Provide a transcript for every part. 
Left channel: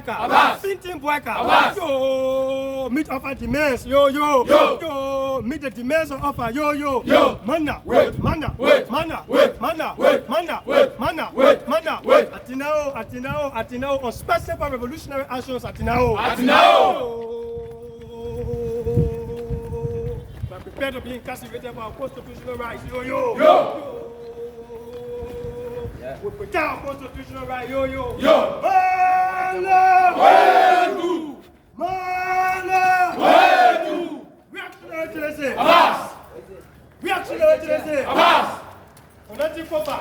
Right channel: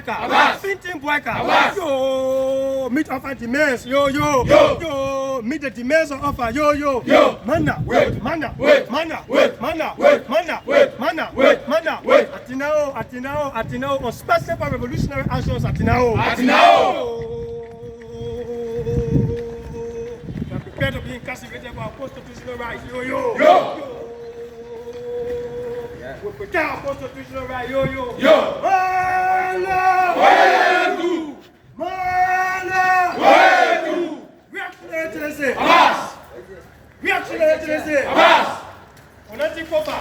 Finting Boyka, yo, meet offer demands, yo, meet the demands of offer, yo, mana, mana, Atinao, on special for revolutionary actions, Atinao. We're prepared to be incarcerated for our constitutional rights, yo. We protect our constitutional rights, yo. Mana! Reactionary to the same. Reactionary to the same. Onati Kofa.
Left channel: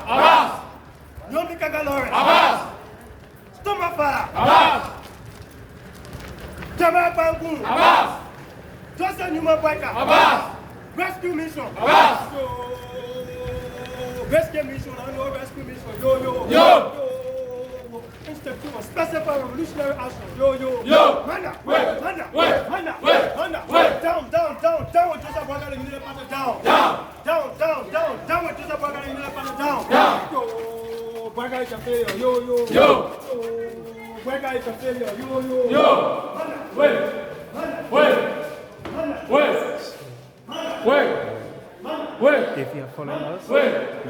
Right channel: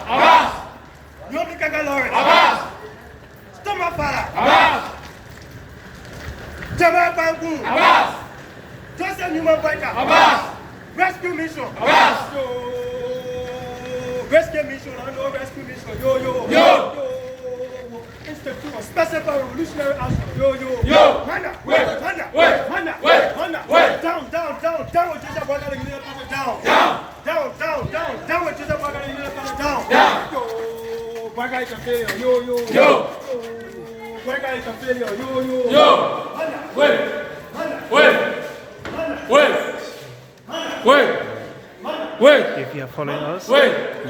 Yomi Kagalore. Stomafara. Jamal Bangun. Joseph Newman Boyka. Rescue mission. Rescue mission. I know rescue mission. Yo. Institute of Special for Revolutionary Action. Yo. Mana. Down with Joseph Boyka and Miller Pata down. Down with Joseph Boyka and Miller Pata down. Yo. Boyka is a failure. Yo. Boyka is a failure. Yo. Wait. If you are following us,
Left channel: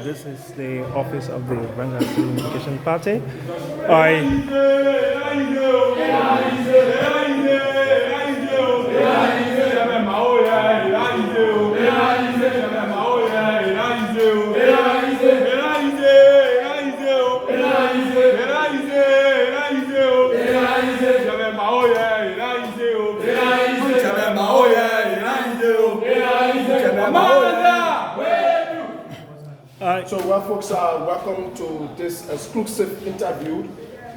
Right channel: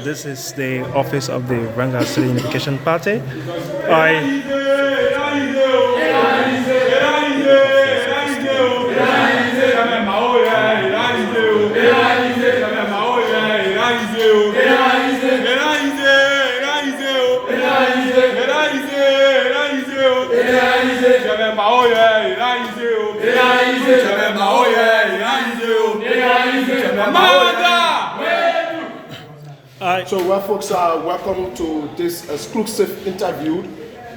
this is the office of the Ranga Students Unification Party. So, well, folks, welcome to this exclusive interview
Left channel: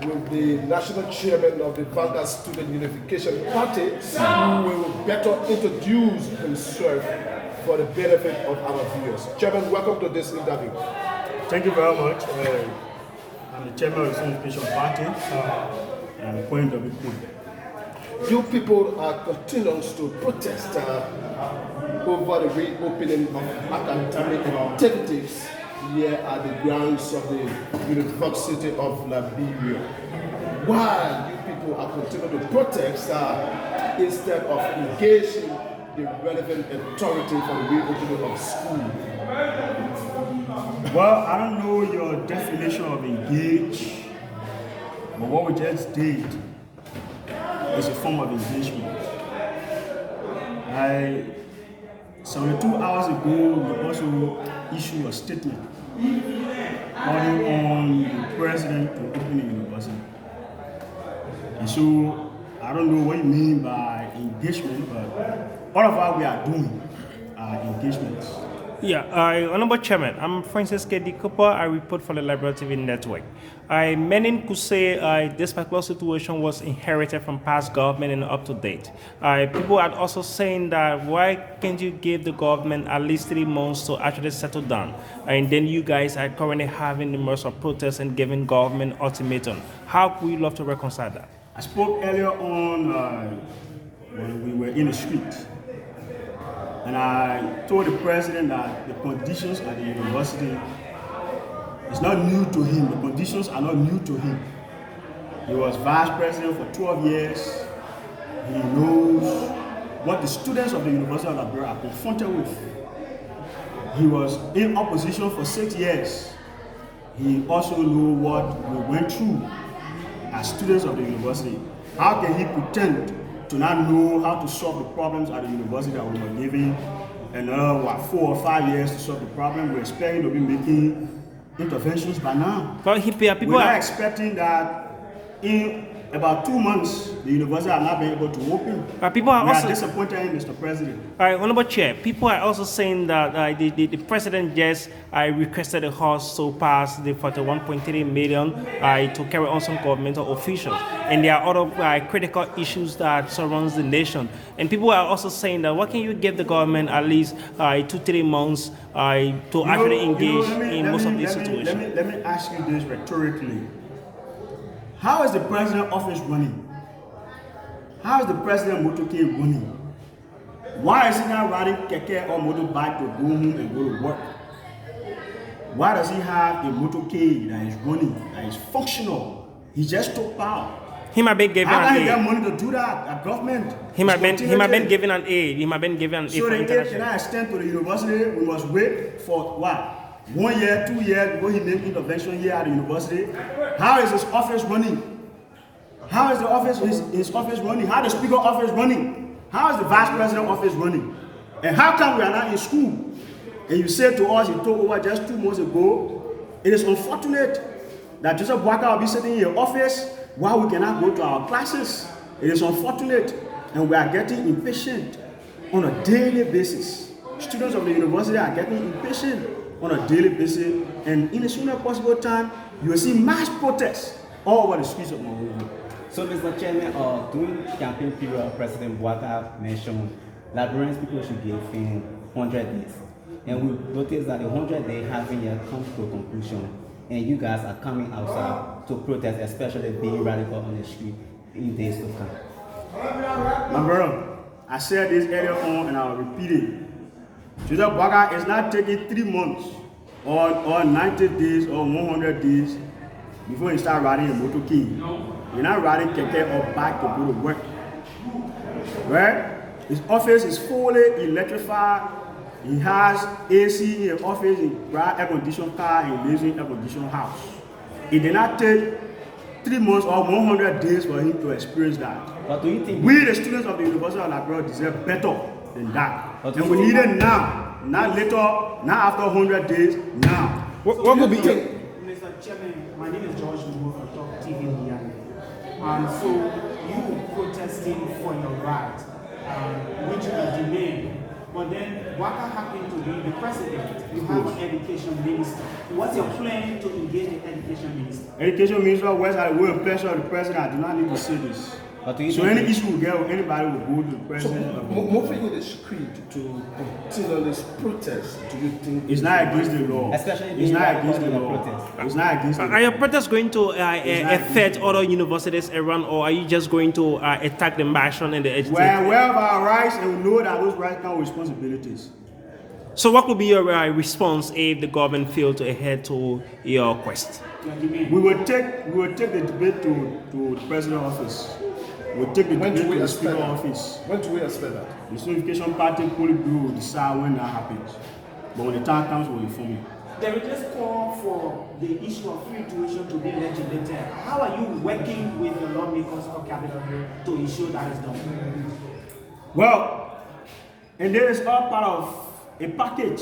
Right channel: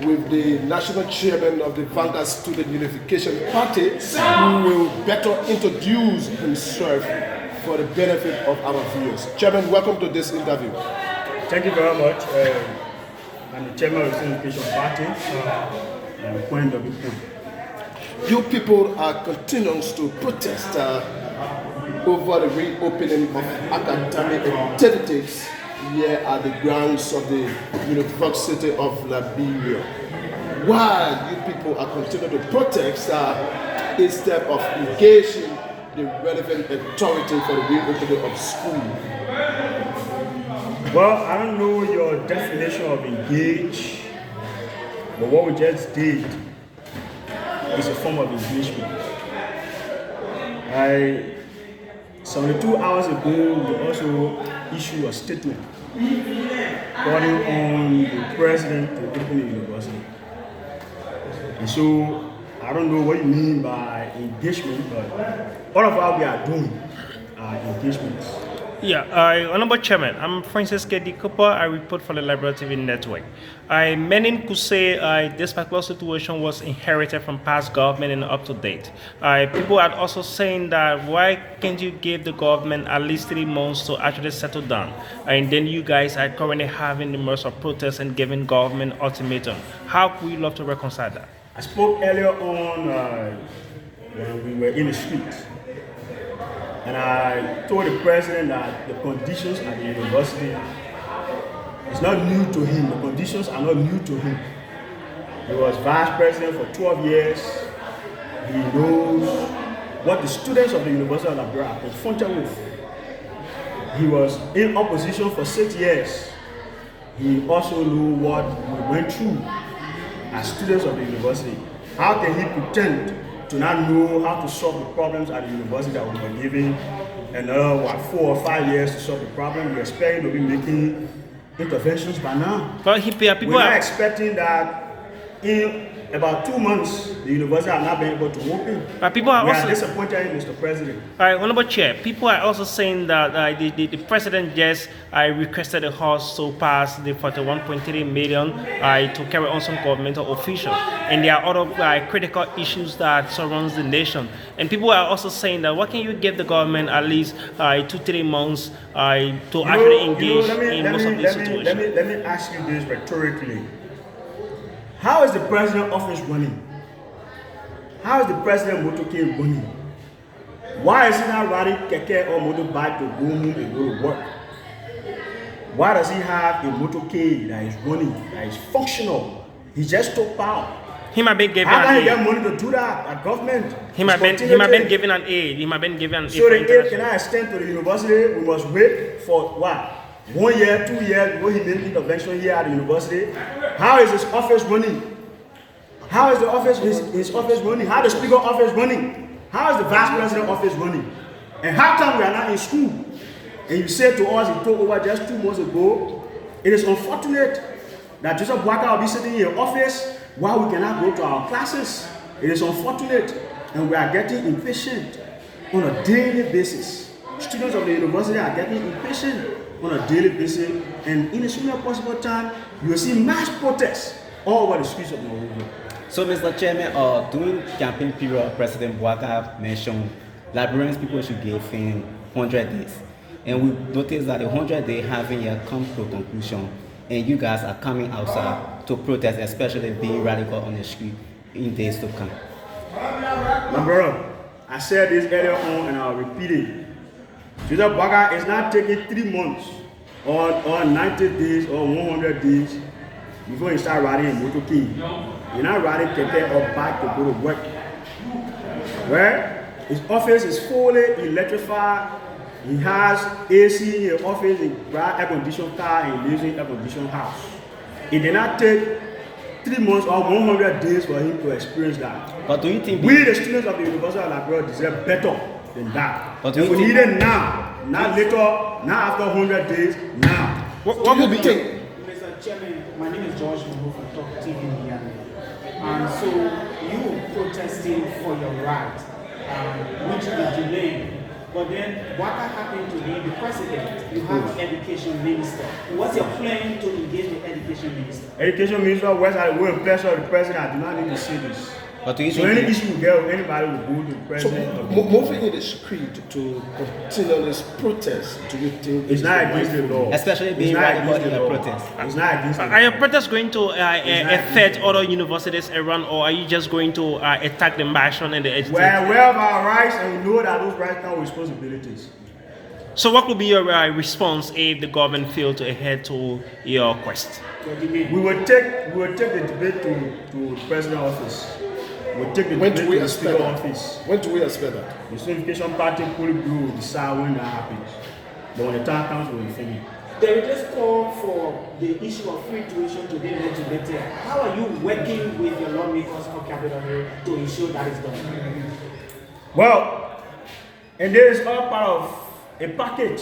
with the National Chairman of the Ranga Student Unification Party, who will better introduce himself for the benefit of our viewers. Chairman, welcome to this interview. Thank you very much. I'm the Chairman of the Students Unification Party. I'm a point of the. You people are continuing to protest over the reopening of academic activities here at the grounds of the University of Liberia. Why you people are continuing to protest instead of engaging the relevant authority for the reopening of school? Well, I don't know your definition of engage, but what we just did is a form of engagement. 72 hours ago, we also issued a statement calling on the president to open the university. And so, I don't know what you mean by engagement, but all of what we are doing are engagements. Yeah, Honorable Chairman, I'm Francis K. D. Cooper. I report for the Liberia TV Network. Many could say this particular situation was inherited from past government and up to date. People are also saying that why can't you give the government at least 3 months to actually settle down? And then you guys are currently having the most of protests and giving government ultimatum. How would you love to reconcile that? I spoke earlier on when we were in the street. And I told the president that the conditions at the university is not new to him. The conditions are not new to him. He was vice president for 12 years. He knows what the students of the University of Liberia are confronted with. He was in opposition for 6 years. He also knows what we went through as students of the university. How can he pretend to not know how to solve the problems at the university that we were given another 4 or 5 years to solve the problem? We're expecting to be making interventions by now. But people are expecting that in about 2 months, the university have not been able to open. People are also disappointed in Mr. President. Honorable Chair, people are also saying that the president just requested the House to pass the 41.3 million to carry on some governmental officials. And there are other critical issues that surrounds the nation. And people are also saying that why can't you give the government at least 2-3 months to actually engage in most of these situations? Let me ask you this rhetorically. How is the president office running? How is the president motorcade running? Why is he not riding keke or motorbike to go home and go to work? Why does he have a motorcade that is running, that is functional? He just took power. He might be given How can an he get aid. money to do that? A government. He might be Continuity. given an aid. He might be given an aid. So for the aid international- cannot extend to the university. We must wait for what? 1 year, 2 years before he make intervention here at the university. How is his office running? How is the office his office running? How is the speaker office running? How is the vice president office running? And how come we are not in school? And you said to us, he took over just 2 months ago. It is unfortunate that Joseph Boakai will be sitting in your office while we cannot go to our classes. It is unfortunate, and we are getting impatient on a daily basis. Students of the university are getting impatient on a daily basis, and in the soonest possible time, you will see mass protests all over the streets of Monrovia. So, Mr. Chairman, during campaign period, President Boakai mentioned Liberians people should give him 100 days. And we noticed that the 100 days haven't yet come to a conclusion, and you guys are coming outside to protest, especially being radical on the street in days to come. My brother, I said this earlier on and I'll repeat it. Joseph Boakai is not taking 3 months or 90 days or 100 days before he start riding a motorcade. You're not riding keke or bike to go to work. Right? His office is fully electrified. He has AC in his office, he drives air-conditioned car, and he lives in air-conditioned house. It did not take 3 months or 100 days for him to experience that. But do you think We, the students of the University of Liberia, deserve better than that. But And we we need think- it now, not later, not after 100 days, now. What Do you would be think? Mr. Chairman, my name is George Monrovia from Talk TV in Miami. So you protesting for your right, which is delaying. But then Boakai happened to be the president. You have the education minister. What's your plan to engage the education minister? Education Minister West had a will and pleasure of the president. I do not need to see this. But do you So think any issue we get with anybody will go to the So, president. of the moving in the street to continue this protest, do you think It's not against the law. Especially It's being not radical against in the a law. protest. It's not against the law. Are your protests going to affect other universities around, or are you just going to attack the martial and the education? We're aware of our rights and we know that those rights come with responsibilities. So what would be your response if the government failed to adhere to your quest? We will take the debate to the president's office. We'll take the When debate do to we the expect speaker's that? office. When do we expect that? The Students Unification Party Politburo will decide when that happens. But when the time comes, we'll inform you. There is this call for the issue of free tuition to be legislated. How are you working with your lawmakers for Capitol Hill to ensure that is done? Well, and there is all part of a package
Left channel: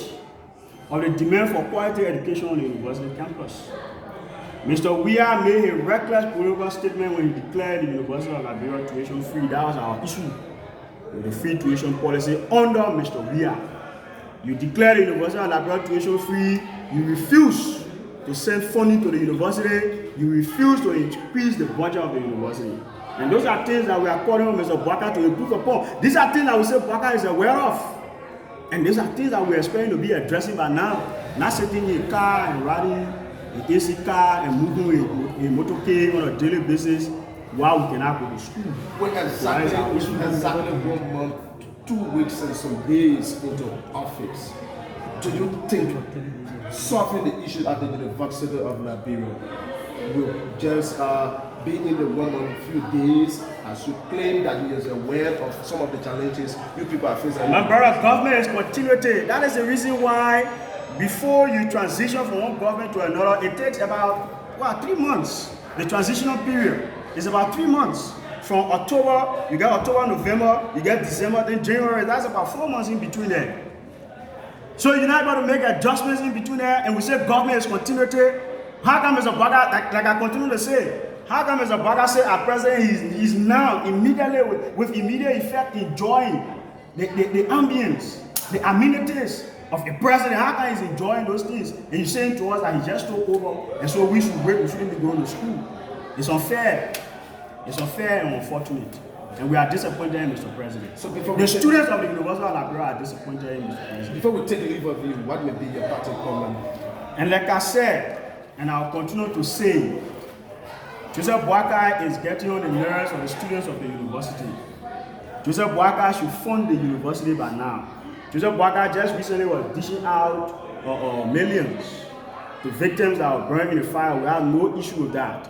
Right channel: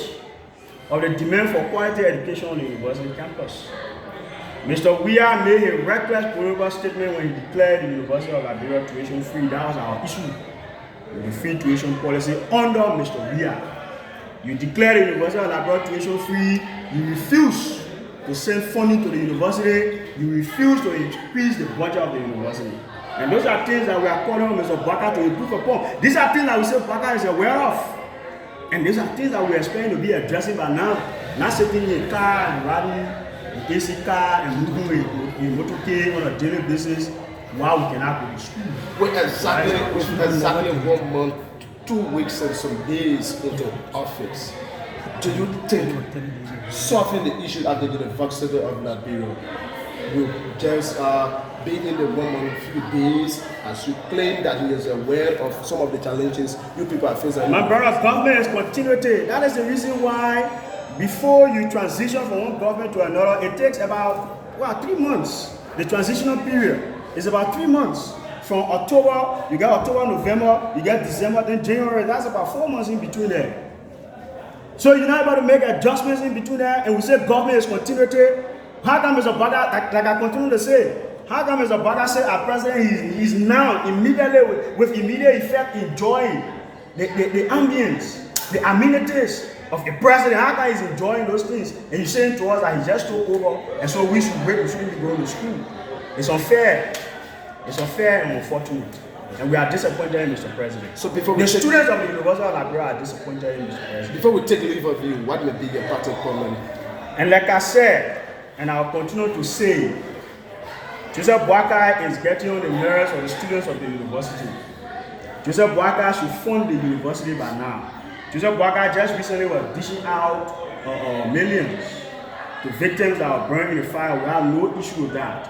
of the demand for quality education on the university campus. Mr. Weah made a reckless political statement when he declared the University of Liberia tuition free. That was our issue with the free tuition policy under Mr. Weah. You declare the University of Liberia tuition free, you refuse to send funding to the university, you refuse to increase the budget of the university. And those are things that we are calling on Mr. Boakai to improve upon. These are things that we say Boakai is aware of. And these are things that we are expecting to be addressing by now. Not sitting in a car and riding an AC car and moving a motorcade on a daily basis while we cannot go to school. Well, exactly 1 month, 2 weeks and some days into office. Do you think solving the issue at the University of Liberia will just be in the 1 month, few days, as you claim that he is aware of some of the challenges you people are facing? My brother, government is continuity. That is the reason why before you transition from one government to another, it takes about 3 months. The transitional period is about 3 months. From October, you got October, November, you got December, then January. That's about 4 months in between there. So you're not able to make adjustments in between there, and we say government is continuity. How come Mr. Boakai, like I continue to say, how come Mr. Boakai say our president is now immediately with immediate effect enjoying the ambience, the amenities of the president? How come he's enjoying those things? And you're saying to us that he just took over, and so we should wait, we shouldn't be going to school. It's unfair. It's unfair and unfortunate. And we are disappointed in Mr. President. So before the we take- students of the University of Liberia are disappointed in Mr. President. Before we take leave of you, what may be your parting comment? And like I said, and I'll continue to say, Joseph Boakai is getting on the nerves of the students of the university. Joseph Boakai should fund the university by now. Joseph Boakai just recently was dishing out millions to victims that were burned in the fire. We have no issue with that.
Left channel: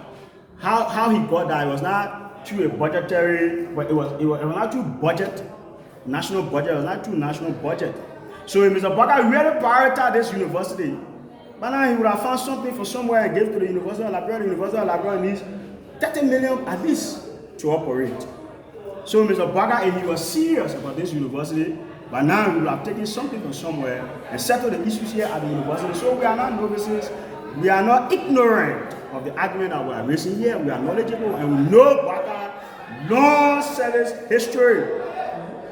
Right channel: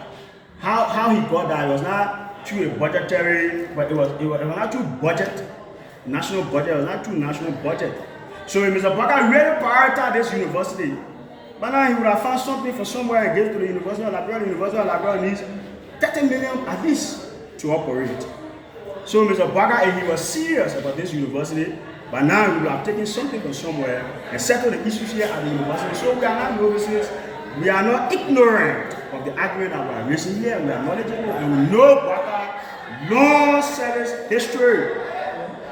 How he got that, it was not through a budgetary, but it was not through budget, national budget, it was not through national budget. So if Mr. Baka really prioritized this university, but now he would have found something from somewhere and gave it to the University of Liberia. The University of Liberia needs 30 million at least to operate. So Mr. Baka, if he was serious about this university, but now we would have taken something from somewhere and settled the issues here at the university. So we are not novices, we are not ignorant of the argument that we are raising here. We are knowledgeable and we know Baka long service history.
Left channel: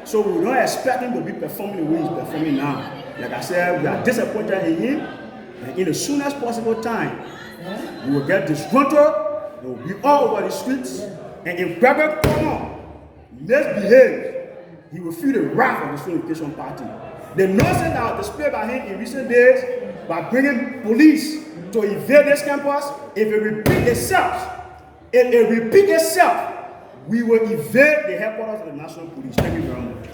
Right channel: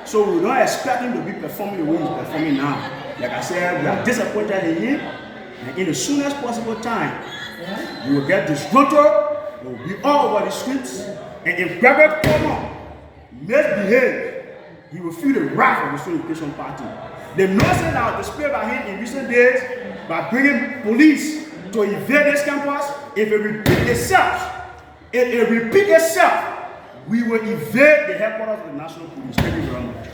So we don't expect him to be performing the way he's performing now. Like I said, we are disappointed in him, and in the soonest possible time, we will get disgruntled, we will be all over the streets, and if Gregory Corner misbehave, he will feel the wrath of the Students Unification Party. The nonsense that was displayed by him in recent days by bringing police to invade this campus, if it repeats itself, we will invade the headquarters of the National Police. Thank you very much.